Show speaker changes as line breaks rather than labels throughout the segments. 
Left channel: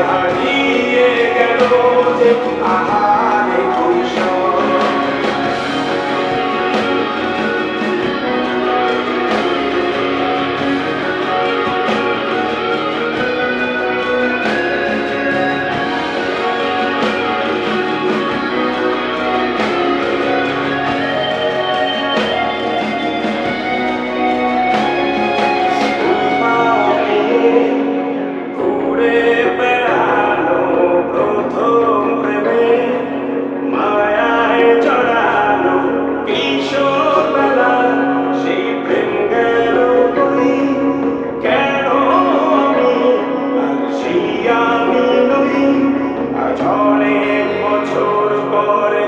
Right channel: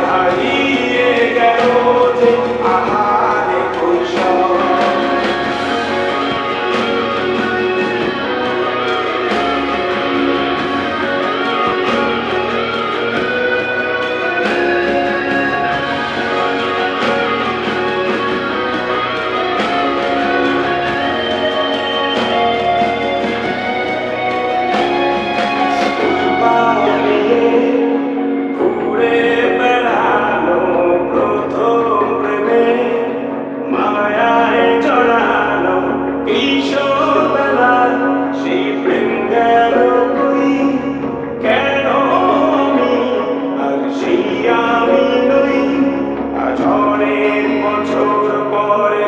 হারিয়ে গেল যে আহারে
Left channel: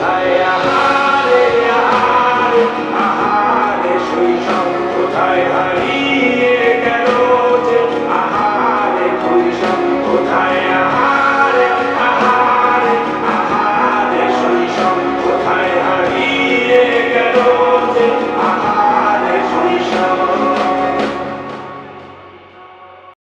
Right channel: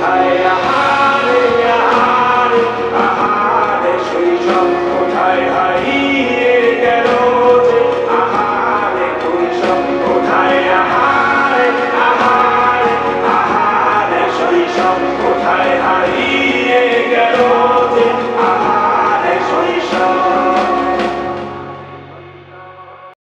কৈশব কোথায়